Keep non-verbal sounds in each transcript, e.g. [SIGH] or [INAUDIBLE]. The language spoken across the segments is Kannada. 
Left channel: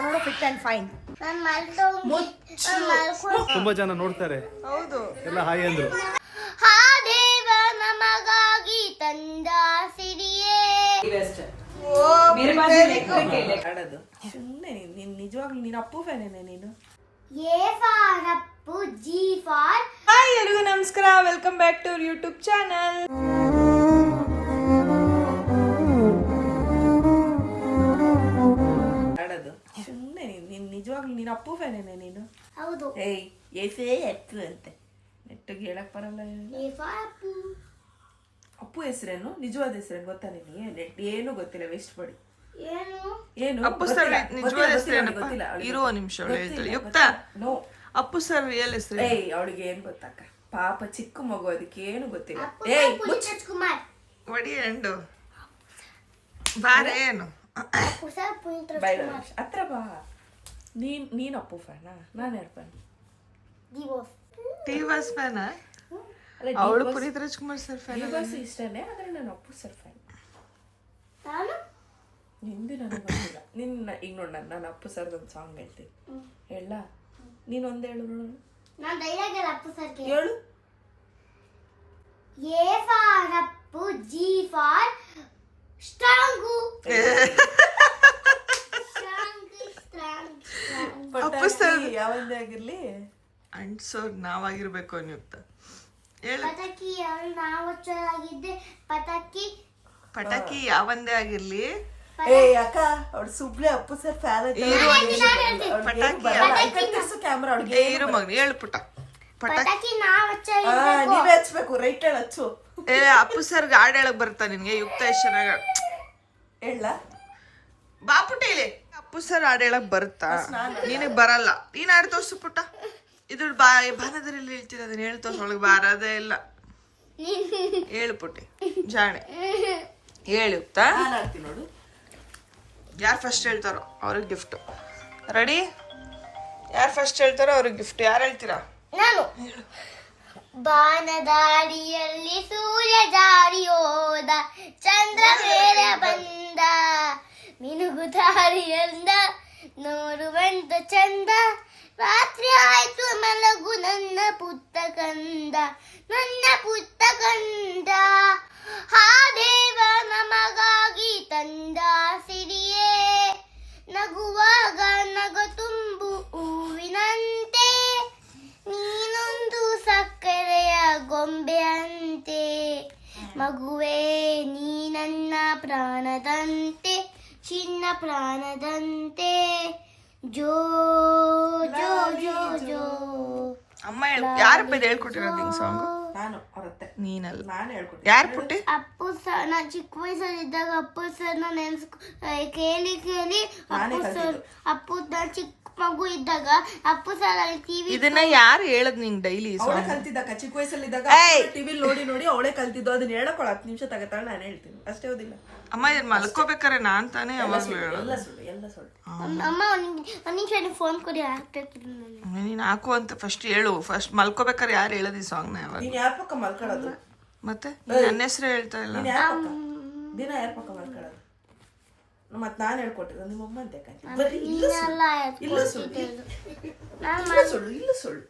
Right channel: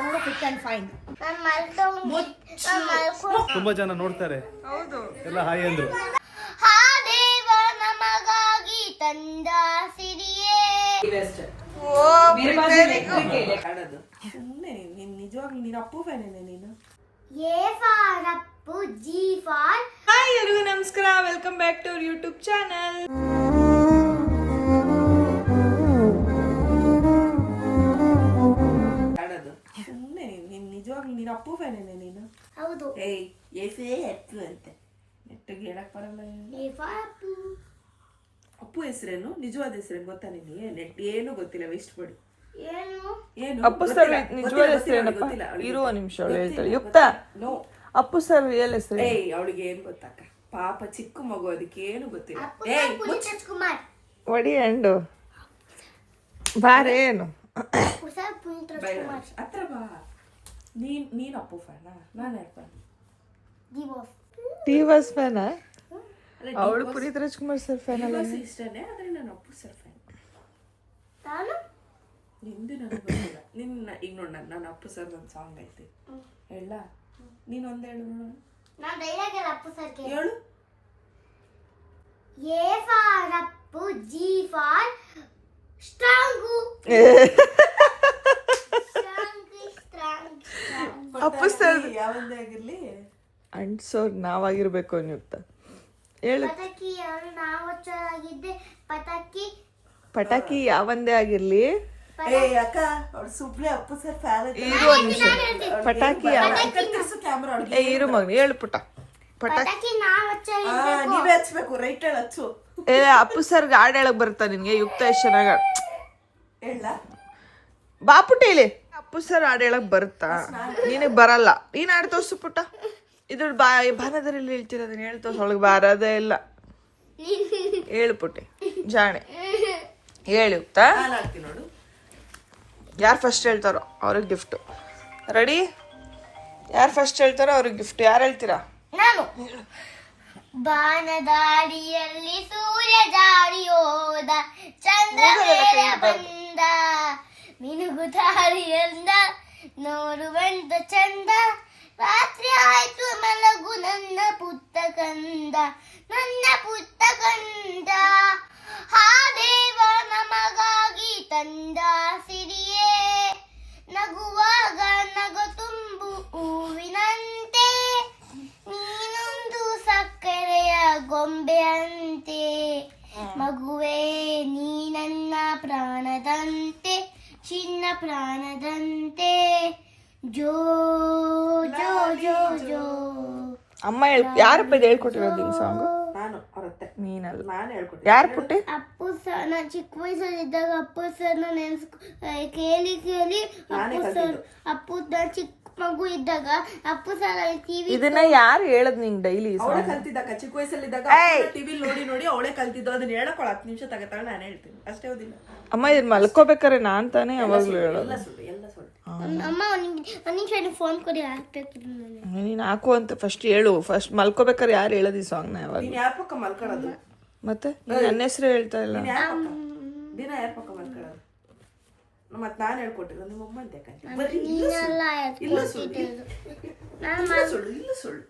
ಅವ್ರು ನೋಡೋ ಫಿಟ್ ಅಂಡ್ ಫೈನ್ ತುಂಬಾ ಜನ ನೋಡ್ತಾರೆ. ಹೌದು. ಎಲ್ಲ ಹಾಯ್ ಅಂದ್ರು. ಹಾ ದೇವ ನಮಗಾಗಿ ತಂದ ಸಿರಿಯೇ ಸುಮ್ಮನೆ ನೀನ್ ನಿಜವಾಗ್ಲೂ ನೀನು ಅಪ್ಪು ಫ್ಯಾನೇನೆ ನೀನು? A for Appu G for hi ಎಲ್ರಿಗೂ ನಮಸ್ಕಾರ. Welcome back to our YouTube channel ಹೌದು. ಏಯ್ ಎಫೇ ಎತ್ತು ಅಂತೆ. ನೆಟ್ಟಗೆ ಹೇಳಕ್ ಬರಲ್ಲ ಅಪ್ಪು. ಹೆಸರೇನು? ನಿಜವಾದ ಹೆಸರೇನು ಗೊತ್ತಾ ನಿಮಗೆ? ನೆಟ್ ಏನು ಗೊತ್ತಿಲ್ಲ ವೇಸ್ಟ್ ಮಾಡಿ. ಏನು? ಏನು? ಅಪ್ಪು ಸರ್ ನಿಜವಾದ ಹೆಸರು ಏನಪ್ಪ ಇರುವ ನಿಮಿಷ ಅವಳು ಹೇಳ್ತಾಳೆ ಯುಕ್ತ? ನೋ. ಅಪ್ಪು ಸರ್ ರಿಯಲ್ ಹೆಸರು ಏಯ್ ಅವಳಿಗೆ ಏನು ಗೊತ್ತಾಕ ಪಾಪ ಚಿಕ್ಕ ಮಗು ಅದಕ್ಕೆ ಏನು ಗೊತ್ತಿಲ್ಲ. ಏಯ್ ಕುಮಾರ್ ಒಡಿ ಅಂಡು ಬಾರೆ ಏನು? ಅಪ್ಪು ಸರ್ ಪುನೀತ್ ಬೈ ರಾಜ್ಕುಮಾರ್ ಹತ್ರ ಬಾ. ನೀನ್ ನೀನ್ ಅಪ್ಪು ಫ್ಯಾನಾ ನಾನು ಯಾರು ಫ್ಯಾನ್ ದಿವೋಸ್. ಟಿ ವಾಸ್ ಫ್ಯಾನ ಅವಳು ಪುನೀತ್ ರಾಜ್ಕುಮಾರ್ ಸರ್ ಫ್ಯಾನ್ ಅಲ್ಲ ಇಷ್ಟನೇ ಆದ್ರೆ ನಾನು ಅಪ್ಪು ಸರ್ ಫ್ಯಾನ್ ನಾನು? ನಿಂದು ನನಗೆ ಗೊತ್ತಿಲ್ಲ. ನಿನ್ನ ಈಗ ನೋಡ ನಾನು ನಾನು ಅಪ್ಪು ಸರ್ ಒಂದು ಸಾಂಗ್ ಹೇಳ್ತೀನಿ. ಹೇಳ ನೀನು ಒಂದು ಹೇಳು ನೋಡೋಣ. ನಾನು ಡೈಲಾಗ್ ಅಪ್ಪು ಸರ್ ಹೇಳು. A for Appu G for strong strong sir ಯಾವಂದೇ ಆಗಿರ್ಲಿ. ಅಂಟ್ಸೋರ್ ನಾವಾಗಿರ್ಬೇಕು ಅನ್ಯುಕ್ತ ಹೇಳು. ಪಟಾಕಿ ನಾವು ಪಟಾಕಿ. ಪಟಾಕಿ ಯಾವಂದೇ ಆಗಿರ್ಲಿ. ಏ ಅಕ್ಕ ಅವ್ರು ಸುಬ್ಳೆ ಅಪ್ಪು ಸರ್ ಫ್ಯಾನ್ ಇರು ಒಂದ್ ನಿಮಿಷ. ಪಟಾಕಿ ಯಾವ- ಕ್ಯಾಮ್ರಾ ಅವ್ಳಿಗೆ. ಏ, ಇರು ಮಗನ ಹೇಳು ಪುಟ್ಟ ಪಟಾಕಿ ಪಟಾಕಿ ನಾವು ಹಚ್ಚಾಗಿರ್ಬೇಕು ನೀವೇ ಹಚ್ಬೇಕು ರೈಟ್ ಹೇಳಿ ಹಚ್ಚು. ಏ ಅಪ್ಪು ಸರ್ಗೆ ಹಾಡು ಹೇಳಕ್ ಬರ್ತಾ ನಿನ್ಗೆ? ಯುಕ್ತ ಎಷ್ಟು ಚೆನ್ನಾಗ ಹೇಳ ಬಾಪುಟ ಹೇಳಿ ಅಪ್ಪು ಸರ್ ಹಾಡು ಹೇಳಕ್ ಬರುತ್ತಾ? ನಿನಗ್ ಬರಲ್ಲ. ನೀನ್ ಹಾಡು ಸುಪುಟ ಪುಟ್ಟ. ಇದು ಬಾ ಬಾರದ್ರಲ್ಲಿ ಹೇಳ್ತೀರ ಅದನ್ನ ಹೇಳಿ ತೋರ್ಸು ಒಳಗೆ ಬಾರದೇ ಇಲ್ಲ. ಹೇಳು ಪುಟ್ಟಿ ಜಾಣೆ. ಹೇಳಿ ಯಾರು ಫಸ್ಟ್ ಹೇಳ್ತಾರೋ ಅವ್ರಿಗೆ ಗಿಫ್ಟ್ ರೆಡಿ ಯಾರು ಫಸ್ಟ್ ಹೇಳ್ತಾರೋ ಅವ್ರಿಗೆ ಗಿಫ್ಟ್ ಯಾರು ಹೇಳ್ತೀರಾ? ನಾನು. ಬಾನದಾಡಿಯಲ್ಲಿ ಸೂರ್ಯ ಜಾರಿ ಹೋದ ಚಂದ್ರ ಮೇಲೆ ಬಂದ. ಮಿನುಗು ದಾರಿಯಂದ ನೋಡುವಂತ ಚಂದ. ರಾತ್ರಿ ಆಯ್ತು ಮಲಗು ನನ್ನ ಪುತ್ತ ಕಂದ ನನ್ನ ಪುತ್ತ ಕಂದ. ಹಾ ದೇವ ನಮಗಾಗಿ ತಂದ ಸಿರಿಯೇ. ನಗುವಾಗ ನಗ ತುಂಬು ಹೂವಿನಂತೆ ನೀನೊಂದು ಸಕ್ಕರೆಯ ಗೊಂಬೆಯಂತೆ. ಮಗುವೇ ಚಿನ್ನ ಪ್ರಾಣದಂತೆ. ಜೋ ಜೋ ಜೋ ಜೋ. ಅಮ್ಮ ಹೇಳ್ ಯಾರಪ್ಪ ಇದು ಹೇಳ್ಕೊಟ್ಟಿರೋದು ಹಿಂಗ್ ಸಾಂಗ್ ನಾನು ನೀನಲ್ಲ. ನಾನು ಹೇಳ್ಕೊಟ್ಟೆ ಯಾರು ಪುಟ್ಟಿ? ಅಪ್ಪು ಸರ್ ನಾ ಚಿಕ್ಕ ವಯಸ್ಸಲ್ಲಿದ್ದಾಗ ಅಪ್ಪು ಸರ್ನ ನೆನ್ಸ್ಕೊ ಆ, ಕೇಳಿ ಕೇಳಿ. ಅಪ್ಪು ಸರ್ ಅಪ್ಪು ನಾ ಚಿಕ್ಕ ಮಗು ಇದ್ದಾಗ ಅಪ್ಪು ಸರ್ ಅಲ್ಲಿ ಟಿವಿ ಇದನ್ನ ಯಾರು ಹೇಳದ್ ನಿಂಗ್ ಡೈಲಿ ಅವಳೆ ಕಲ್ತಿದ್ದಕ್ಕ ಚಿಕ್ಕ ವಯಸ್ಸಲ್ಲಿದ್ದಾಗ ಟಿವಿ ನೋಡಿ ನೋಡಿ ಅವಳೆ ಕಲ್ತಿದ್ದು ಅದನ್ನ ಹೇಳಕೊಳ ಹತ್ತು ನಿಮಿಷ ತಗತಾಳ ನಾನು ಹೇಳ್ತೀನಿ. ಅಷ್ಟೇ ಓದಿಲ್ಲ. ಅಮ್ಮ ಇದನ್ನ ಮಲ್ಕೋಬೇಕಾರೆ ನಾನ್ ತಾನೇ ಯಾವಾಗ್ಲೂ ಹೇಳೋದು. ಅಮ್ಮ ಒಂದು ನಿಮಿಷ ಫೋನ್ ಕೊಡಿ ನಾನು. ನೀನ್ ಹಾಕು ಅಂತ ಫಸ್ಟ್ ಹೇಳು. ಫಸ್ಟ್ ಮಲ್ಕೋಬೇಕಾರೆ ಯಾರು ಹೇಳೋದು ಈ ಸಾಂಗ್ನ ಯಾವಾಗ ಮತ್ತೆ? ನೀನ್ ನನ್ನ ಹೆಸರು ಹೇಳ್ತಾ ಇಲ್ಲ? ದಿನ ಯಾರ ಮತ್ ನಾನು ಹೇಳ್ಕೊಟ್ಟಿರೋ ನಿಮ್ಮ ಅಮ್ಮ ಅಂತ ಸುಳ್ಳು. ಇಲ್ಲ ಸುಳ್ಳು.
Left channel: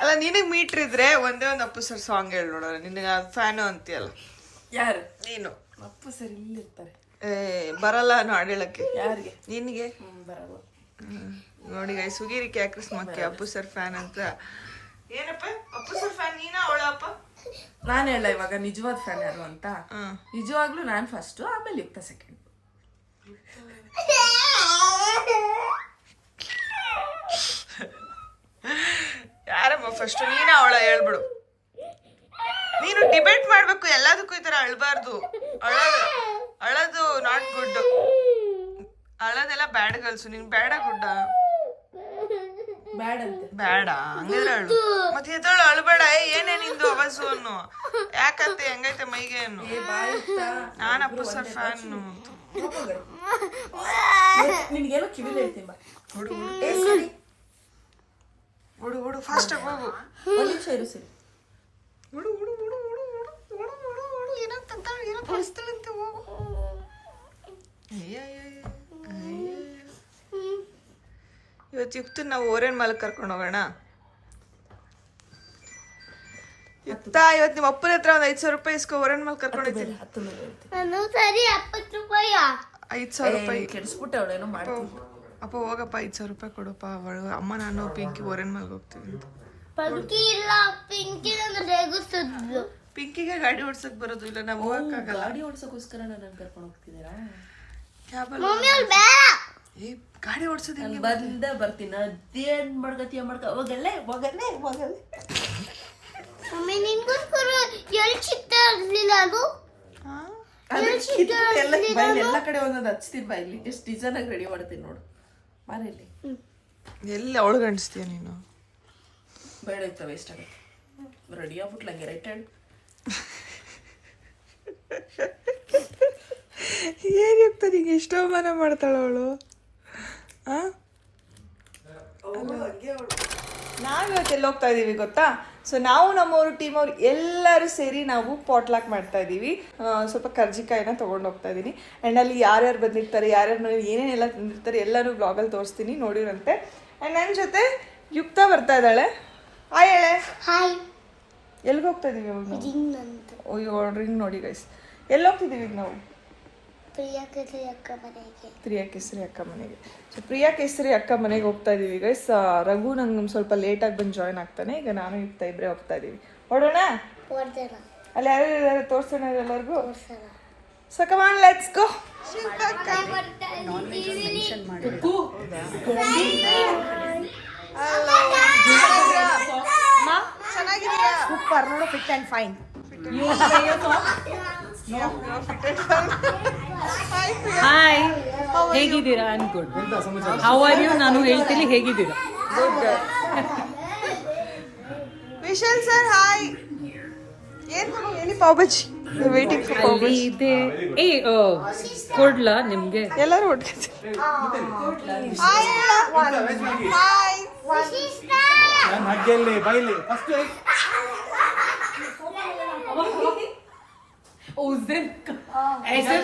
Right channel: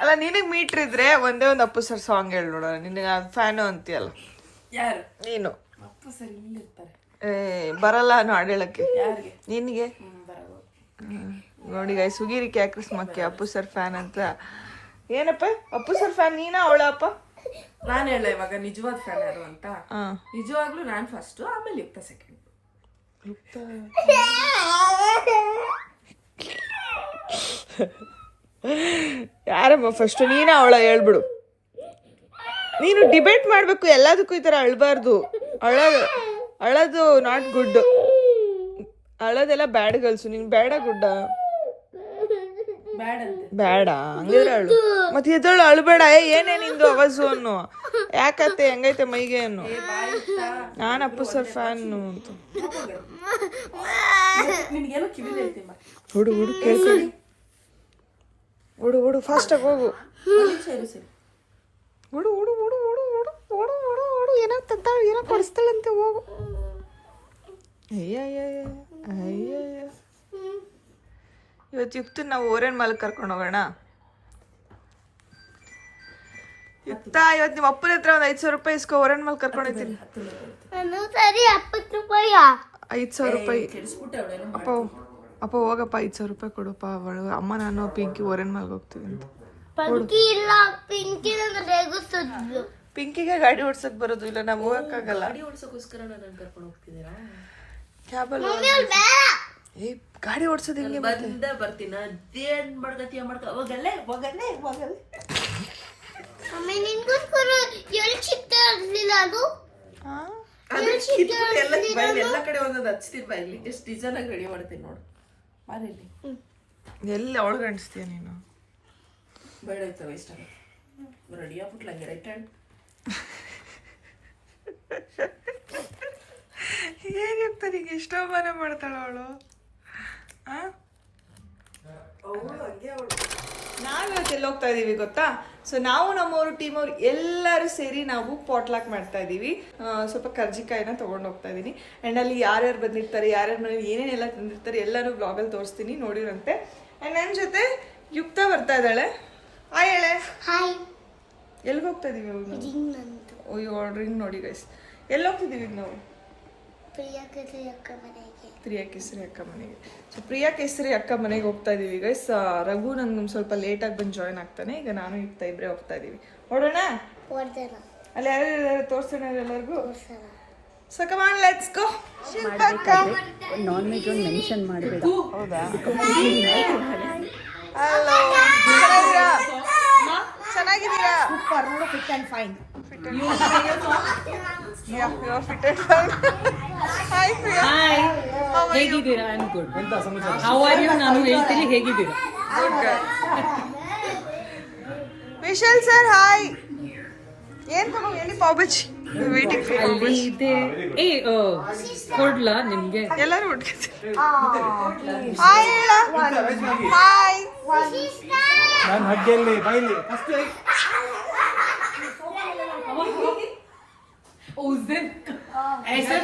ಅಲ್ಲ ನಿನಗ್ ಮೀಟ್ರ್ ಇದ್ರೆ ಒಂದೇ ಒಂದು ಅಪ್ಪು ಸರ್ ಸಾಂಗ್ ಹೇಳ ನೋಡೋಣ. ನಿನಗೆ ಫ್ಯಾನು ಅಂತೀಯಲ್ಲ. ಯಾರು? ನೀನು. ಅಪ್ಪು ಸರ್ ಇಲ್ಲಿರ್ತಾರೆ. ಏ ಬರಲ್ಲ ನಾನು ಹಾಡು ಹೇಳಕ್ಕೆ. ಯಾರಿಗೆ? ನಿನಗೆ? ಹ್ಮ್ ಬರಬಹುದು ಹ್ಮ್. ನೋಡಿ ಗೈ ಸುಗೀರಿ ಕ್ಯಾಕ್ರಿಸ್ ಮಕ್ಕಿ ಅಪ್ಪು ಸರ್ ಫ್ಯಾನ್ ಅಂತ. ಏನಪ್ಪ? ಅಪ್ಪು ಸರ್ ಫ್ಯಾನ್ ನೀನ ಅವಳ ಅಪ್ಪ? ನಾನು ಹೇಳ ಇವಾಗ ನಿಜವಾದ ಫ್ಯಾನ್ ಯಾರು ಅಂತ. ನಿಜವಾಗ್ಲೂ ನಾನು ಫಸ್ಟ್ ಆಮೇಲೆ ಯುಕ್ತ ಸೆಕೆಂಡ್ ಯಾರಪ್ಪ ಫಸ್ಟ್ ನೀನ ಅವಳ ಹೇಳ್ಬಿಡು. ನೀನು ಡಿಬೇಟ್ ಮಾಡ್ಬೇಕು ಎಲ್ಲದಕ್ಕೂ ಈ ತರ ಅಳ್ಬಾರ್ದು. ಅಳ ಅಳೋದು ನಾಟ್ ಗುಡ್ ಅಳೋದೆಲ್ಲ ಬ್ಯಾಡ್ ಗರ್ಲ್ಸು ನೀನು ಬೇಡ ಗುಡ್ಡ? ಬೇಡ ಹಂಗಿದ್ರೆ ಅಳು. ಮತ್ತೆ ಇದೊಳು ಅಳ್ಬೇಡ ಏ ಏನೇ ನಿಂದು ಅವಸು ಅನ್ನು. ಯಾಕತ್ತೆ ಹೆಂಗೈತೆ ಮೈಗೆ ಅನ್ನು. ನಾನು ಅಪ್ಪು ಸರ್ ಫ್ಯಾನ್ ಹುಡು ಹುಡು ಹುಡು ಹುಡು ಫಾಸ್ಟಾಗಿ ಹೋಗು. ಹುಡು ಹುಡು ಹುಡು ಹುಡು ಹುಡು ಹುಡು ಹುಡು ಹುಡು. ಓಡು ಓಡು ಓಡು ಓಡು ಏನೋ ತಂತ ಏನೋ ಕೊಡಿಸ್ತಾಳಂತೆ ಹೋಗು ಅಯ್ಯ ಅಯ್ಯಯ್ಯ. ಇವತ್ತು ಯುಕ್ತ ನಾವು ಓರೇನ್ ಮಾಲ್ ಕರ್ಕೊಂಡು ಹೋಗೋಣ. ಯುಕ್ತ ಇವತ್ತು ನಿಮ್ಮ ಅಪ್ಪನ ಹತ್ರ ಒಂದು ಐದು ಸಾವಿರ ರೂಪಾಯಿ ಇಸ್ಕೊ ಓರೇನ್ ಮಾಲ್ ಕರ್ಕೊಂಡಿದ್ದೀನಿ ಹತ್ತು ನಾನು ಸರಿ ಎಪ್ಪತ್ತು ರೂಪಾಯಿ ಐದು ಸಾವಿರ ರೂಪಾಯಿ. ಅಪ್ಪ ಅಪ್ಪ ಹೋಗಪ್ಪ ಐದು ಸಾವಿರ ರೂಪಾಯಿ ಕೊಡಪ್ಪ ಅವಳು. ಅಮ್ಮ ನಾನು ಪಿಂಕಿ ಓರೇನ್ ಮಾಲ್ಗೆ ಹೋಗ್ತೀವಿ ಅಂತ. ಪಿಂಕಿಗೆ ಗಾಡಿ ಓಡ್ಸಕ್ ಬರೋದು ಇಲ್ಲ ನಾವು ಹೋಗಕ್ಕಾಗಲ್ಲ ಗಾಡಿ ಓಡಿಸೋಕ್ಕೋಸ್ಕರ ನಾನು ಕರ್ಕೊಂಡು ಹೋಗ್ತಿದ್ದೀರಾ? ಕ್ಯಾಬಲ್ಲಿ ಏ ಗಾಡಿ ಓಡ್ಸೋದು ಹೆಂಗೆ ಬಂದ ಬರ್ತೀನಿ. ಅದೇನ್ ಮಾಡ್ಕತಿಯ ಮಾಡ್ಕ ಹೋಗಲ್ಲೇ ಹೋಗಲ್ಲೇ ಹೋಗಲ್ಲೇ. ಮಮ್ಮಿ ನಿನ್ಗೋಸ್ಕರ ಎಲ್ಲಿ ಸಿಗ್ತಾ ಇರ್ಲಿಲ್ಲ ಅದು? ಎಲ್ಲ ಕಡೆ ಒಂದೊಂದು ಹಚ್ತೀನಿ ಬಾ ಇಲ್ಲಿ. ಜಸ್ಟ್ ಡಿಸೈನ್ ಆಗಿ ರೆಡಿ ಮಾಡ್ತೀನಿ ನೋಡು. ಬಾರಲ್ಲಿ ಎಲ್ಲಿ ಅವಳಿಗೆ ಅಣಿಸ್ತೀಯ ನೀನು? ಬೇಡ ಇತ್ತು ವೇಸ್ಟ್ ಆಗುತ್ತೆ ರೆಡಿ ಆಗ್ಬಿಟ್ಲ ಹಂಗೆ ರೈಟ್ ಹ್ಯಾಂಡ್ ಏನಿರ್ತ ನಿಂಗೆ? ಇಷ್ಟ ಅವಮಾನ ಮಾಡ್ತಾಳ ಅವಳು? ನಾವಿವತ್ತು ಎಲ್ಲಿ ಹೋಗ್ತಾ ಇದೀವಿ ಗೊತ್ತಾ? ಸೊ ನಾವು ನಮ್ಮವರು ಟೀಮ್ ಅವ್ರು ಎಲ್ಲರೂ ಸೇರಿ ನಾವು ಪಾಟ್ಲಾಕ್ ಮಾಡ್ತಾ ಇದ್ದೀವಿ ಸ್ವಲ್ಪ ಕರ್ಜಿಕಾಯಿನ ತೊಗೊಂಡು ಹೋಗ್ತಾ ಇದ್ದೀನಿ ಆ್ಯಂಡ್ ಅಲ್ಲಿ ಯಾರ್ಯಾರು ಬಂದಿರ್ತಾರೆ ಯಾರ್ಯಾರು ಮನೇಲಿ ಏನೇನೆಲ್ಲ ತಂದಿರ್ತಾರೆ ಎಲ್ಲರೂ ಬ್ಲಾಗಲ್ಲಿ ತೋರಿಸ್ತೀನಿ ನೋಡಿರಂತೆ. ಆ್ಯಂಡ್ ನನ್ನ ಜೊತೆ ಯುಕ್ತ ಬರ್ತಾ ಇದ್ದಾಳೆ. ಹಾಯ್ ಹೇಳೆ. ಹಾಯ್ ಎಲ್ಲಿಗೆ ಹೋಗ್ತಾ ನಂದು. ಅಯ್ಯೋ ರಿಂಗ್ ನೋಡಿ ಗೈಸ್ ಎಲ್ಲಿ ಹೋಗ್ತಿದ್ದೀವಿ ಈಗ ನಾವು? ಪ್ರಿಯಾ ಕೇಸರಿ ಅಕ್ಕ ಮನೆಗೆ. ಪ್ರಿಯಾ ಕೇಸರಿ ಅಕ್ಕ ಮನೆಗೆ. ಸೊ ಪ್ರಿಯಾ ಕೇಸರಿ ಅಕ್ಕ ಮನೆಗೆ ಹೋಗ್ತಾ ಇದೀವಿ ಗೈಸ್ ರಘು ನಂಗೆ ಸ್ವಲ್ಪ ಲೇಟಾಗಿ ಬಂದು ಜಾಯ್ನ್ ಆಗ್ತಾನೆ. ಈಗ ನಾನು ಇರ್ತಾ ಇಬ್ಬರೇ ಹೋಗ್ತಾ ಇದೀವಿ. ಹೊಡೋಣ ಅಲ್ಲಿ ಯಾರು ಇದ್ದಾರೆ ತೋರಿಸೋಣ ಎಲ್ಲರಿಗೂ. ಸೊ ಕಮಾನ್ ಲೆಟ್ಸ್ ಗೋ ಹೌದಾ ಹಲೋ ಚೆನ್ನಾಗಿದ್ದೀರಾ ಸೂಪರ್ ನೋಡು ಫಿಟ್ ಅಂಡ್ ಫೈನ್ ಹಾಯ್ ಹೇಗಿದ್ದೀರಾ ಗುಡ್ ಹೌ ಆರ್ ಯು ನಾನು ಹೇಳ್ತೀನಿ ಹೇಗಿದ್ದೀರಾ? ವಿಶಾಲ್ ಸರ್ ಹಾಯ್ ಏನ್ ಪಾವ್ ಬಜ್ಜಿ ವೇಟಿಂಗ್ ಅಲ್ಲಿ ಇದೆ. ಏ ಕೊಡ್ಲಾ ನಿಮ್ಗೆ? ಎಲ್ಲರೂ ಒಟ್ಟಿಗೆ ಹಾಯ್ ಹೇಳ ಹಾಯ್ ನನ್ನ ಹಗ್ಗೆಯಲ್ಲಿ उस दिन ऐसे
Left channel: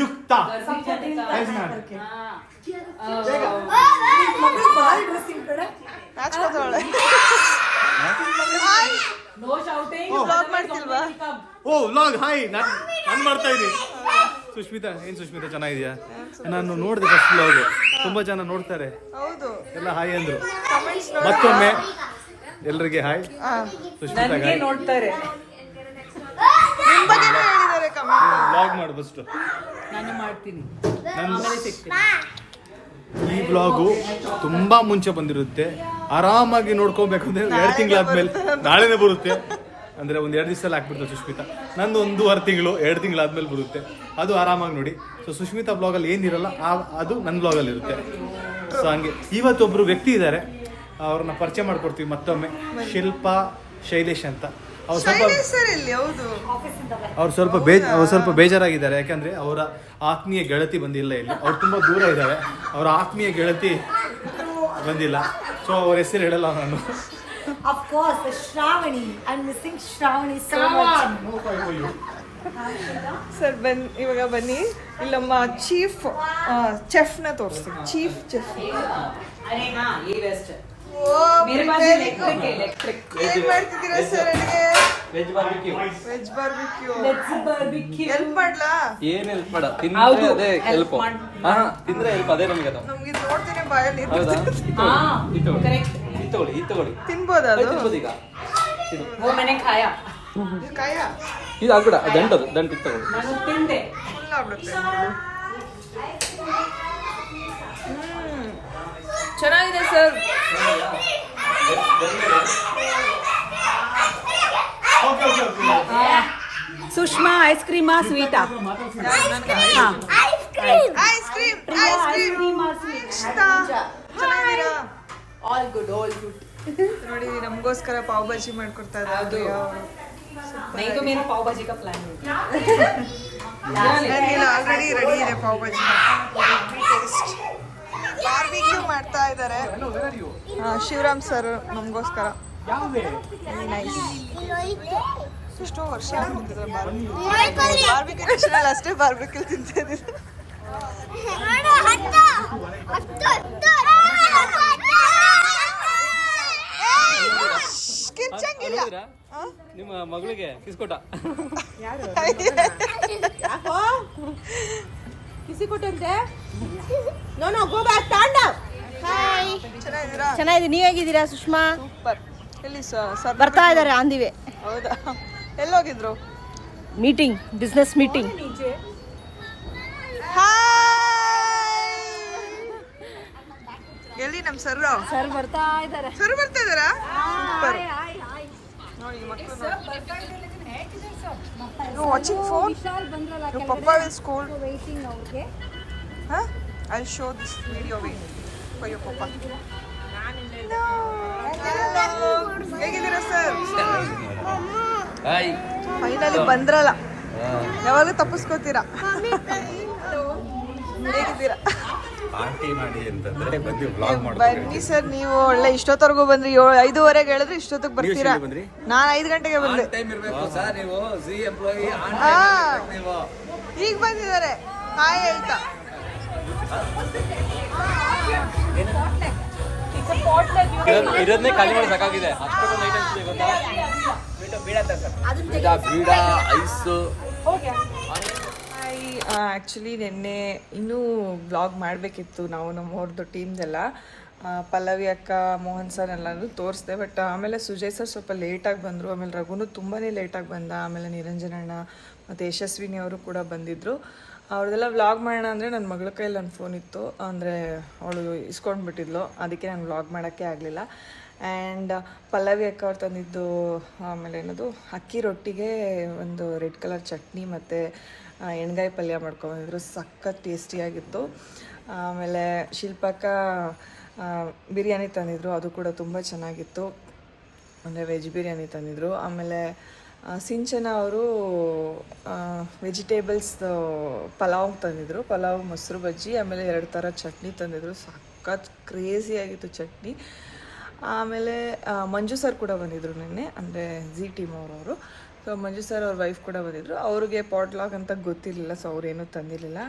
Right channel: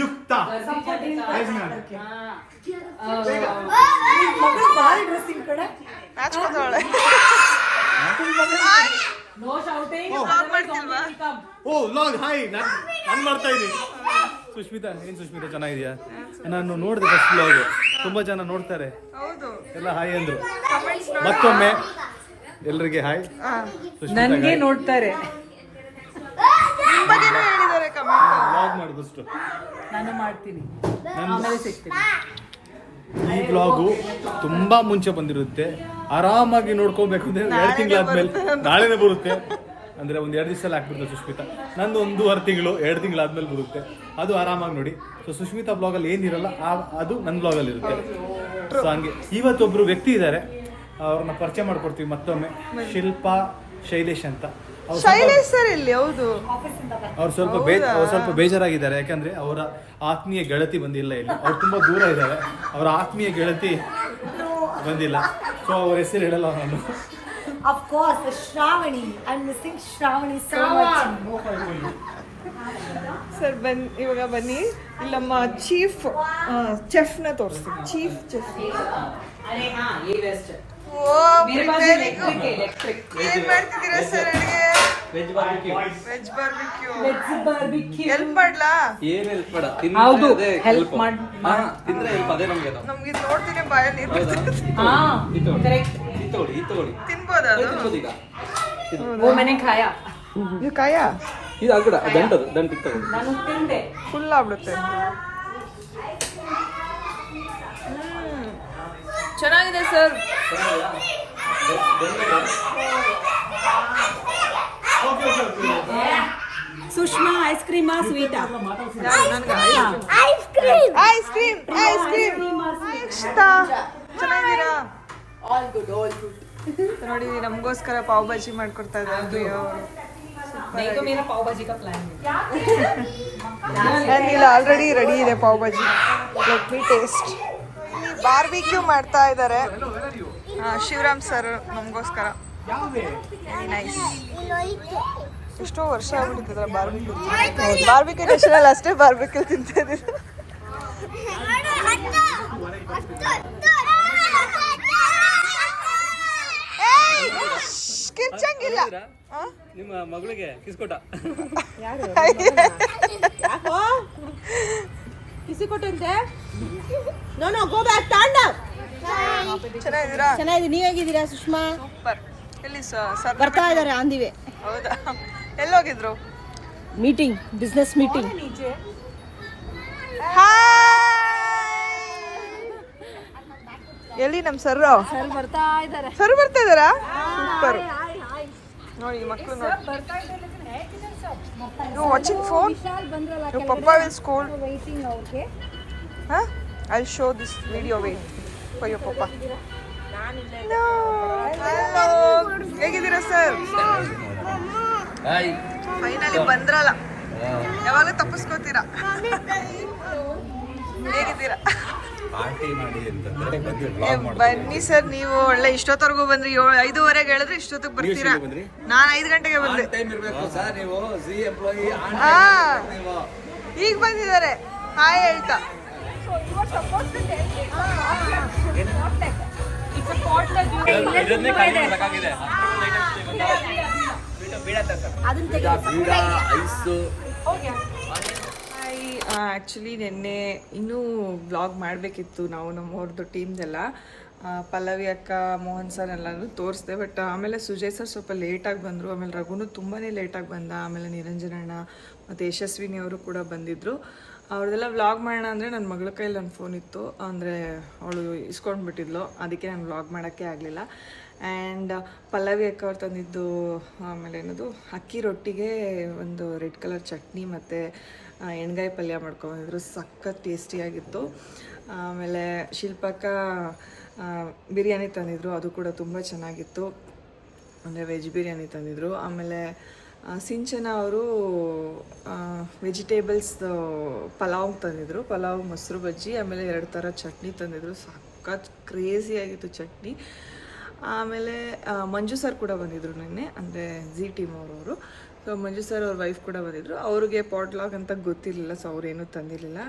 युक्ता ಓ ಲಾಂಗ್ ಹಾಯ್ ನಾನು ಮಾಡ್ತಾ ಇದ್ದೀನಿ. ಸುಷ್ಮಿತಾ ಏನ್ ಸುಷ್ಮಿತಾ ಚೆನ್ನಾಗಿದ್ಯಾ? ನಾನು ನೋಡಿದೆ ಫಸ್ಟ್ ಲಾಗು ತುಂಬಾ ಜನ ನೋಡ್ತಾರೆ. ಎಲ್ಲ ಹಾಯ್ ಅಂದ್ರು. ಮತ್ತೊಮ್ಮೆ ಎಲ್ರಿಗೆ ಹಾಯ್. ಸುಷ್ಮಿತಾ ಹಾಯ್. ನೋಡ್ತಾರೆ. ನಿಮ್ ಬಗ್ಗೆನೂ ಹೇಳಿದ್ದಾರೆ ಕಮೆಂಟ್ ಲಾಗ್ ಮಾಡು ಫಸ್ಟ್ ನಾನು ಮಾಡ್ತೀನಿ. ನನ್ನ ಈ ಬ್ಲಾಗು ತುಂಬಾ ಮುಂಚೆ ಬಂದಿರುತ್ತೆ. ಆರಾಮಾಗಿ ನೋಡ್ಕೋಬೇಕು ಅಂದ್ರೆ ಎರಡು ತಿಂಗಳಾದ್ಮೇಲೆ ನಾಳೆನೇ ಬರುತ್ತೆ. ಅಂದ್ರೆ ಒಂದ್ ಎರಡು ದಿವಸ ಹಾಕ್ಬಿಡ್ತಾರೆ ಸುಷ್ಮಿತಾ ನಂದು ಒಂದೂವರೆ ತಿಂಗಳು ಎರಡು ತಿಂಗಳಾದ್ಮೇಲೆ ಬರುತ್ತೆ. ಅದು ಆರಾಮಾಗಿ ನೋಡಿ. ಸೊ ಸುಷ್ಮಿತಾ ಬ್ಲಾಗಲ್ಲಿ ಏನಿರಲ್ಲ ಆ- ಅದು ನನ್ನ ಬ್ಲಾಗಲ್ಲಿ ಇರುತ್ತೆ. ಸೊ ಹಂಗೆ. ಇವತ್ತೊಬ್ರು ವ್ಯಕ್ತಿ ಇದ್ದಾರೆ. ಅವ್ರನ್ನ ಪರಿಚಯ ಮಾಡ್ಕೊಡ್ತೀವಿ ಮತ್ತೊಮ್ಮೆ. ಶಿಲ್ಪಾ ಶೈಲೇಶ್ ಅಂತ. ಅವ್ರು ಸ್ವಲ್ಪ ಸರ್ ಇಲ್ಲಿ ಹೌದು. ಅವ್ರು ಸ್ವಲ್ಪ ಬೇ ಅವ್ರು ಸ್ವಲ್ಪ ಬೇಜಾರಾಗಿದ್ದಾರೆ. ಯಾಕಂದ್ರೆ ಅವರ ಆತ್ಮೀಯ ಗೆಳತಿ ಬಂದಿಲ್ಲ ಇಲ್ಲಿ. ಅವ್ರು ತುಂಬಾ ದೂರ ಇದ್ದಾರೆ. ಅವರ ಆತ್ಮೀಯ ಗೆಳತಿ ಬಂದಿಲ್ಲ. ಸೊ ಅವ್ರ ಹೆಸರು ಹೇಳಲ್ಲ ನಾನು. Of course, Shravani. I'm missing Shravani so much. Sir ಬನ್ ಇವಾಗ ಬನ್ನಿ. ಇಲ್ಲಮ್ಮ ಚೀಫ್ ಚೆಫ್ನ ತೋರಿಸ್ತೀವಿ chief chef veg barbecue veg barbecue help ಮಾಡ್ಲಾ? ಏನ್ ಹೆಲ್ಪ್ ಮಾಡ? ಹೌದು, ತಿಂದ್ರೆ ಅದೇ help ಹೆಲ್ಪ್ ಮಾಡ್- ಹಾ ತಿಂದ್ರೆ ಹೆಲ್ಪ್ ಅದೇ ನಮ್ಗೆ ಅದು. ನಮ್ಗೆ ಇದು ನೋಡ್ತೀನಿ ಬಾಯಲ್ಲಿ ನೀರು ಹೌದಾ? ಬರ್ತದೆ. ಹಾ ಇದು ತಗೊಳ್ಳಿ. ಕರೆಕ್ಟ್ ಇದು ತಗೊಳ್ಳಿ ಇದು ತಗೊಳ್ಳಿ. ತಿನ್ಬೋದಾ ಅದು ಅದು? ತಿನ್ಬೋದು ಈಗ. ಇದು ಓ ಮನೆ ಖಾಯ. ಇದು ಕಾಯ ಇದು ದಂಟದು ದಂಟ ಇದು ತಗೊಳ್ಳಿ. ನಾನು ತಿಂದೆ. ಫುಲ್ ಆಗ್ಬಿಡುತ್ತೆ. ಚೆನ್ನಾಗಿದೆ ಸರ್ ಸುಷ್ಮಾ ಐಸ್ ಕ್ರೀಮಾ ಸ್ವೀಟಾ ನನಗೆ ice cream ice cream ice cream ಚೆನ್ನಾಗಿದ್ದೀರಾ ಆಲ್ ಗುಡ್ ಆಲ್ ಗುಡ್ ನೋಡಿ ನಮಗೋಸ್ಕರ ಪಾವ್ ಭಾಜಿ ಮಾಡ್ಕೊಡ್ತಾ ಇದ್ದಾರೆ ಪ್ರಿಯಾ ಅವರು नहीं तो मेरा पाव भाजी का प्लान है ಇಲ್ಲ ಆಲ್ರೆಡಿ ರೆಡಿ ಇದೆ ಪಾವ್ ಭಾಜಿ ಟೇಸ್ಟ್ ಬಾರ್ಬಿಕ್ಯೂ ಮಾಡ್ತಾ ಇದ್ದಾರೆ ಶಿವರಾಮ್ ಸರ್ ನಮಗೋಸ್ಕರ. ಎಷ್ಟೋ ವರ್ಷ ಆಗ್ಬಿಟ್ಟಿದ್ರೆ ಬಾರ್ಬಿಕ್ಯೂ ಬಾರ್ಬಿಕ್ಯೂ ಟೇಷನಲ್ಲಿ ಅಷ್ಟೇ ಬಾರ್ಬಿಕ್ಯೂ ತಿಂತಾ ಇದ್ದೀವಿ ನಿಮ್ಮ ಮಗಳಿಗೆ ಕಿಸ್ಕೊಟ್ಟ. [LAUGHS] ಹತ್ತು, ಕೊಟ್ಟಂತೆ ನೋ ನೋ ಗೋ ಬ್ಯಾಕ್ ತಾಂಡ ಚೆನ್ನಾಗಿದ್ದೀರಾ? ಚೆನ್ನಾಗಿದೆ. ನೀವ್ ಹೇಗಿದ್ದೀರಾ ಸುಷ್ಮಾ? ಸೂಪರ್ ಎಲ್ಲಿ ಸರ್ ಬರ್ತಾ ಇದ್ದಾರೆ ಆಂದಿವೆ. ಹೌದಾ? ಎಲ್ಲೋಗಿದ್ರು? ಮೀಟಿಂಗ್ ಬಿಸ್ನೆಸ್ ಮೀಟಿಂಗ್ ಎಲ್ಲಿ ನಮ್ಮ ಸರ್ ಸರ್ ಬರ್ತಾ ಇದ್ದಾರೆ. ಸರ್ ಬರ್ತಾ ಇದ್ದಾರಾ? ಸೂಪರ್ ನೋಡಿ ಮಕ್ಕಳು ನೋಡಿ. Watching phone you papa will school waiting ಅವ್ರಿಗೆ Huh? I'll show this video wait for your papa. No. Hello. ಹೇಗಿದ್ದೀರಾ ಸರ್ ಫೈನಲಿ ಬಂದ್ರಲ್ಲ. ಯಾವಾಗ ತಪ್ಪಿಸ್ಕೋತೀರಾ? ಹೇಗಿದ್ದೀರಾ? ಪಾರ್ಟಿ ಮಾಡಿ ಅಂತಂದ್ರೆ ಬಂದು ಏ, ಬನ್ನಿ ಸರ್ ನೀವು ಒಳ್ಳೆ ಇಷ್ಟೊತ್ತವರೆಗೂ ಬಂದ್ರಿ ಏಳು ಐದುವರೆಗೆ ಹೇಳಿದ್ರೆ ಇಷ್ಟೊತ್ತಿಗೆ ಬರ್ತೀರಾ ಬಂದ್ರಿ? ನಾನು ಐದು ಗಂಟೆಗೆ ಬಂದೆ ಟೈಮ್ ಇರಬೇಕು ಸರ್ ನೀವು ಸಿ ಎಂಪ್ಲಾಯಿ ಹಾ ಈಗ ಬಂದಿದ್ದಾರೆ ಹಾಯ್ ಆಯ್ತಾ ಇದನ್ನೇ ಖಾಲಿ ಬೀಡ ಐಸ್ ಆ್ಯಕ್ಚುಲಿ ನಿನ್ನೆ ಇನ್ನೂ ಬ್ಲಾಗ್ ಮಾಡಬೇಕಿತ್ತು ನಾವು ನಮ್ಮವ್ರದ್ದು ಟೀಮ್ದೆಲ್ಲ ಪಲ್ಲವಿ ಅಕ್ಕ, ಮೋಹನ್ ಸರ್ ಎಲ್ಲನೂ ತೋರಿಸ್ದೆ ಬಟ್ ಆಮೇಲೆ ಸುಜಯ್ ಸರ್ ಸ್ವಲ್ಪ ಲೇಟಾಗಿ ಬಂದರು. ಆಮೇಲೆ ರಘುನು ತುಂಬಾ ಲೇಟಾಗಿ ಬಂದ. ಆಮೇಲೆ ನಿರಂಜನಣ್ಣ ಮತ್ತು ಯಶಸ್ವಿನಿ ಅವರು ಕೂಡ ಬಂದಿದ್ದರು ಅವ್ರದ್ದೆಲ್ಲ ವ್ಲಾಗ್ ಮಾಡೋಣ ಅಂದರೆ ನನ್ನ ಮಗಳ ಕೈಯಲ್ಲಿ ನನ್ನ ಫೋನ್ ಇತ್ತು. ಅಂದರೆ ಅವಳು ಇಸ್ಕೊಂಡ್ಬಿಟ್ಟಿದ್ಲು ಅದಕ್ಕೆ ನಾನು ವ್ಲಾಗ್ ಮಾಡೋಕ್ಕೆ ಆಗಲಿಲ್ಲ. ಆ್ಯಂಡ್ ಪಲ್ಲವಿ ಅಕ್ಕ ಅವ್ರು ತಂದಿದ್ದು ಆಮೇಲೆ ಏನದು, ಅಕ್ಕಿ ರೊಟ್ಟಿಗೆ ಒಂದು ರೆಡ್ ಕಲರ್ ಚಟ್ನಿ ಮತ್ತು ಎಣ್ಗಾಯಿ ಪಲ್ಯ ಮಾಡ್ಕೊಂಡಿದ್ರು ಸಖತ್ ಟೇಸ್ಟಿಯಾಗಿತ್ತು ಆಮೇಲೆ ಶಿಲ್ಪಕ್ಕ ಬಿರಿಯಾನಿ ತಂದಿದ್ರು. ಅದು ಕೂಡ ತುಂಬ ಚೆನ್ನಾಗಿತ್ತು. ಅಂದರೆ ವೆಜ್ ಬಿರಿಯಾನಿ ತಂದಿದ್ರು. ಆಮೇಲೆ ಸಿಂಚನ ಅವರು ವೆಜಿಟೇಬಲ್ಸ್ ಪಲಾವ್ ತಂದಿದ್ರು. ಪಲಾವ್, ಮೊಸರು ಬಜ್ಜಿ, ಆಮೇಲೆ ಎರಡು ಥರ ಚಟ್ನಿ ತಂದಿದ್ರು. ಸಖತ್ ಕ್ರೇಜಿಯಾಗಿತ್ತು ಚಟ್ನಿ. ಆಮೇಲೆ ಮಂಜು ಸರ್ ಕೂಡ ಬಂದಿದ್ರು ನಿನ್ನೆ. ಅಂದರೆ ಜಿ ಟೀಮ್ ಅವರವರು. ಸೊ ಮಂಜು ಸರ್ ಅವ್ರ ವೈಫ್ ಕೂಡ ಬಂದಿದ್ರು. ಅವ್ರಿಗೆ ಪಾಟ್ಲಾಗ್ ಅಂತ ಗೊತ್ತಿರಲಿಲ್ಲ ಸೊ ಅವ್ರೇನೂ ತಂದಿರಲಿಲ್ಲ.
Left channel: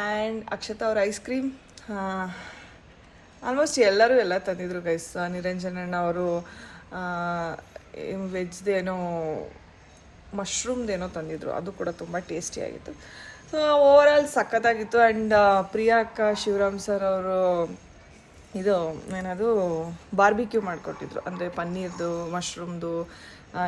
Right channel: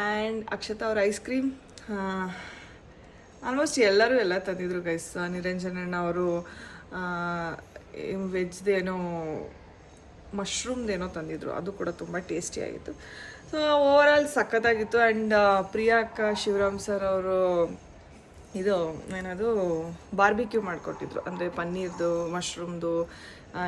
ಆ್ಯಂಡ್ ಅಕ್ಷತಾ ಅವ್ರ ಐಸ್ ಕ್ರೀಮ್ ಆಲ್ಮೋಸ್ಟ್ ಎಲ್ಲರೂ ಎಲ್ಲ ತಂದಿದ್ರು ಗೈಸ್ ನಿರಂಜನಣ್ಣ ಅವರು ವೆಜ್ದೇನೋ ಮಶ್ರೂಮ್ದೇನೋ ತಂದಿದ್ರು. ಅದು ಕೂಡ ತುಂಬ ಟೇಸ್ಟಿಯಾಗಿತ್ತು ಸೊ ಓವರಾಲ್ ಸಖತ್ತಾಗಿತ್ತು. ಆ್ಯಂಡ್ ಪ್ರಿಯಾ ಅಕ್ಕ ಶಿವರಾಮ್ ಸರ್ ಅವರು ಇದು, ಏನದು ಬಾರ್ಬಿಕ್ಯೂ ಮಾಡಿಕೊಟ್ಟಿದ್ರು. ಅಂದರೆ ಪನ್ನೀರ್ದು ಮಶ್ರೂಮ್ದು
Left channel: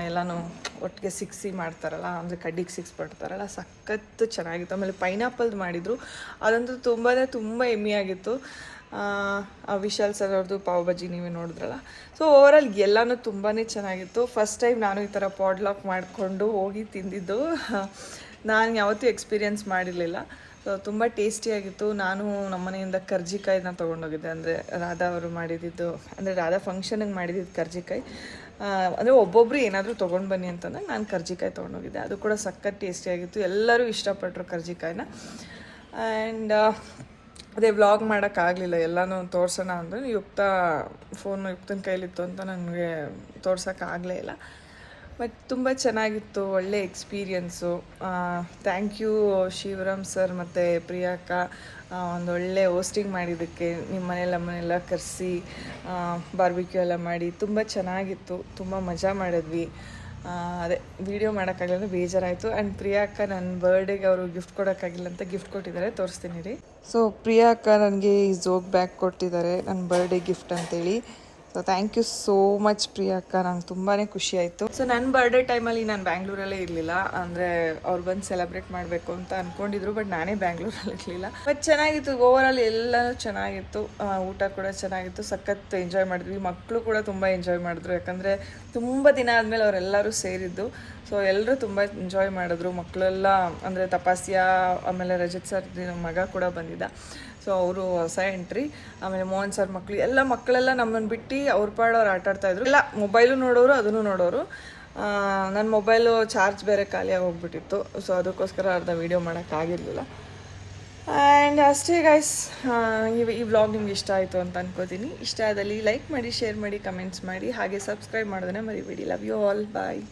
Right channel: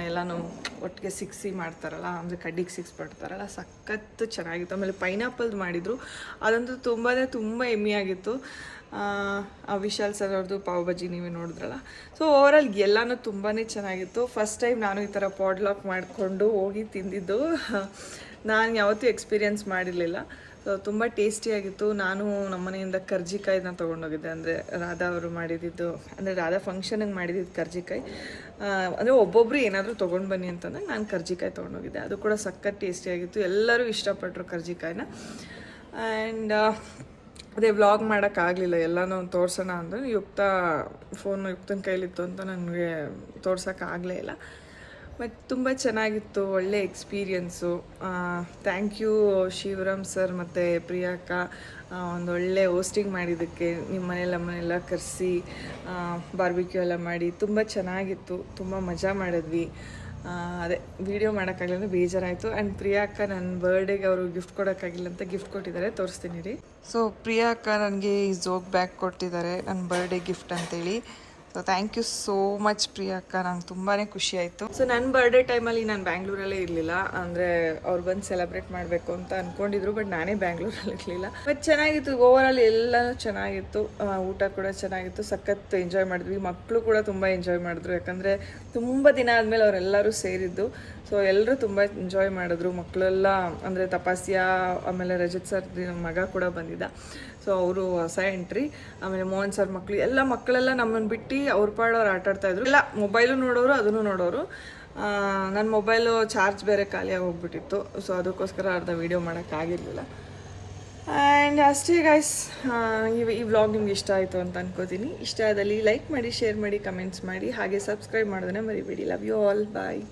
ಎಲ್ಲನೂ ಒಟ್ಟಿಗೆ ಸಿಕ್ಸಿ ಮಾಡ್ತಾರಲ್ಲ, ಅಂದರೆ ಕಡ್ಡಿಗೆ ಸಿಕ್ಸ್ ಪಡ್ತಾರಲ್ಲ ಸಖತ್ತು ಚೆನ್ನಾಗಿತ್ತು. ಆಮೇಲೆ ಪೈನಾಪಲ್ದು ಮಾಡಿದರು. ಅದಂತೂ ತುಂಬಾ ತುಂಬ ಆ ವಿಶಾಲ್ ಸರ್ ಅವ್ರದ್ದು ಪಾವ್ ಬಜ್ಜಿ ನೀವೇ ನೋಡಿದ್ರಲ್ಲ. ಸೊ ಓವರಾಲ್ ಎಲ್ಲನೂ ತುಂಬಾ ಚೆನ್ನಾಗಿತ್ತು. ಫಸ್ಟ್ ಟೈಮ್ ನಾನು ಈ ಥರ ಪಾಡ್ಲಾಕ್ ಮಾಡಿಕೊಂಡು ಹೋಗಿ ತಿಂದಿದ್ದು. [LAUGHS] ನಾನು ಯಾವತ್ತೂ ಎಕ್ಸ್ಪೀರಿಯನ್ಸ್ ಮಾಡಿರಲಿಲ್ಲ. ಸೊ ತುಂಬ ಟೇಸ್ಟಿಯಾಗಿತ್ತು ನಾನು ನಮ್ಮ ನಮ್ಮನೆಯಿಂದ ಕರ್ಜಿಕಾಯಿನ ತೊಗೊಂಡೋಗಿದ್ದೆ. ಅಂದರೆ ರಾಧಾ ಅವರು ಮಾಡಿದ್ದು ಅಂದರೆ ರಾಧಾ ಫಂಕ್ಷನಿಗೆ ಮಾಡಿದ್ದು ಕರ್ಜಿಕಾಯಿ ಅಂದರೆ ಒಬ್ಬೊಬ್ಬರು ಏನಾದರೂ ತೊಗೊಂಡು ಬನ್ನಿ ಅಂತಂದರೆ ನಾನು ಕರ್ಜಿಕಾಯಿ ತೊಗೊಂಡೋಗಿದ್ದೆ. ಅದು ಕೂಡ ಸಖತ್ ಟೇಸ್ಟಿಯಾಗಿತ್ತು ಎಲ್ಲರೂ ಇಷ್ಟಪಟ್ಟರು ಕರ್ಜಿಕಾಯಿನ ಆ್ಯಂಡ್ ಅದೇ ವ್ಲಾಗ್ ಮಾಡೋಕ್ಕಾಗಲಿಲ್ಲ ಎಲ್ಲನೂ ತೋರ್ಸೋಣ ಅಂದರೆ ಯುಕ್ತ ಫೋನು ಯುಕ್ತನ ಕೈಲಿತ್ತು ಅಂತ ನನಗೆ ತೋರ್ಸೋಕ್ಕಾಗಲೇ ಇಲ್ಲ. ಬಟ್ ತುಂಬ ಚೆನ್ನಾಗಿತ್ತು, ಒಳ್ಳೆ experience thank you Shivaram sir ಮತ್ತು ಪ್ರಿಯಾಕ್ಕ ಒಳ್ಳೆ ಹೋಸ್ಟಿಂಗ್ ಮಾಡಿದ್ದಕ್ಕೆ ನಿಮ್ಮ ಮನೇಲಿ ಮನೆಯೆಲ್ಲ ಕರೆಸಿ ಬಾರ್ಬಿಕ್ಯೂ ಎಲ್ಲ ಮಾಡಿ ತುಂಬ ಚೆನ್ನಾಗಿತ್ತು, ತುಂಬ ಮಜಾ ಮಾಡಿದ್ವಿ. ಅದೇ ವಿಡಿಯೋ ಮಾಡೋಕ್ಕಾಗಲ್ಲ ಬೇಜಾರಾಯಿತು. ಆ್ಯಂಡ್ ಪ್ರಿಯಾಕ್ಕ ನನ್ನ ಬರ್ಡೇಗೆ ಅವರು ಗಿಫ್ಟ್ ಕೊಡೋಕ್ಕಾಗಿಲ್ಲ ಅಂತ ಗಿಫ್ಟ್ ಕೊಟ್ಟಿದ್ದಾರೆ, ತೋರಿಸ್ತೀನಿ ರೀ. ಸೊ ಪ್ರಿಯಾಕ್ಕ ನನಗೆ ಈ ಜೋಗ್ ಬ್ಯಾಗ್ ಕೊಟ್ಟಿದ್ದಾರೆ ನನ್ನ ಬರ್ಡೇ ಗಿಫ್ಟ್ ಅಂತೇಳಿ. So thank you so much ಪ್ರಿಯಕ್ಕ ನಂಗೆ ತುಂಬಾ ಖುಷಿ ಆಯಿತು. ಸೊ ನನ್ನ ಬರ್ಡೇ ಟೈಮಲ್ಲಿ ನಾನು ಬ್ಯಾಂಗ್ಳೂರಲ್ಲೇ ಇರಲಿಲ್ಲ. ಅಂದರೆ ಅವ್ರು ಬಂದು ಸೆಲೆಬ್ರೇಟ್ ಮಾಡಬೇಕು ಅಂತ ಅಂದ್ಕೊಂಡಿದ್ರು ಬಟ್ ನಾನೇ ಬ್ಯಾಂಗ್ಳೂರಲ್ಲಿ ಇರಲಿಲ್ಲ. ಬಟ್ ಚೆನ್ನಾಗಿತ್ತು. ಓವರಾಲ್ ಎಲ್ಲನೂ ಚೆನ್ನಾಗಿತ್ತು. ಊಟ ಕೂಡ ಚೆನ್ನಾಗಿತ್ತು. ಸಖತ್ ಎಂಜಾಯ್ ಮಾಡಿದ್ವಿ. ಮಕ್ಕಳು ಕೂಡ ತುಂಬ ಎಂಜಾಯ್ ಮಾಡಿದ್ರು. ಯಾಕಂದರೆ ತುಂಬ ದಿನ ಆದಮೇಲೆ ಅವರೆಲ್ಲರೂ ಸೇರಿದ್ದು. ಸೊ ಎಲ್ಲರೂ ತುಂಬ ಎಂಜಾಯ್ ಮಾಡಿದ್ರು. ಮಕ್ಕಳೆಲ್ಲ ಅಂದರೆ ತಪಾಸ್ಯಾ, ಆಮೇಲೆ ರಜತ್ ಸರ್ ಮಗ ಕೂಡ ಬಂದಿದ್ದ. ಸೊ ಅವರು ಹೊಸ ಎಂಟ್ರಿ ಆಮೇಲೆ ಮೋಹನ್ ಸರ್ ಮಕ್ಕಳು ಎಲ್ಲ ಮಕ್ಕಳೆಲ್ಲ ನಮ್ಮನ್ನು ಬಿಟ್ಟು ಅವ್ರ ಪಾಡೋರು ಆಟ ಆಡ್ತಾ ಇದ್ರು. ಎಲ್ಲ ಮೊಬೈಲು ನೋಡೋರು, ಅದನ್ನು ನೋಡೋರು. ನನ್ನ ಮೊಬೈಲು ಚಾರ್ಜ್ ಬೇರೆ ಖಾಲಿಯಾಗಿ ಹೋಗ್ಬಿಟ್ಟಿತ್ತು. ಸೊ ಅದಕ್ಕೋಸ್ಕರ ಅರ್ಧ ವೀಡಿಯೋ ಮಾಡೋಕ್ಕಾಗಿರಲಿಲ್ಲ ಆ್ಯಂಡ್ ಅಷ್ಟೇ ಗೈಸ್ ಈ ವ್ಲಾಗ್ ನಿಮ್ಗೆ ಇಷ್ಟ ಆಯಿತು ಅಂತ ಅನ್ಕೋತೀನಿ. ಇಷ್ಟ ಆದಲ್ಲಿ ಲೈಕ್ ಮಾಡಿ ಶೇರ್ ಮಾಡಿ ಕಮೆಂಟ್ಸ್ ಮಾಡಿ. ಹಾಗೆ ಸಬ್ಸ್ಕ್ರೈಬ್ ಮಾಡೋದನ್ನೇ ಮರಿಬೇಡಿ. Love you all bye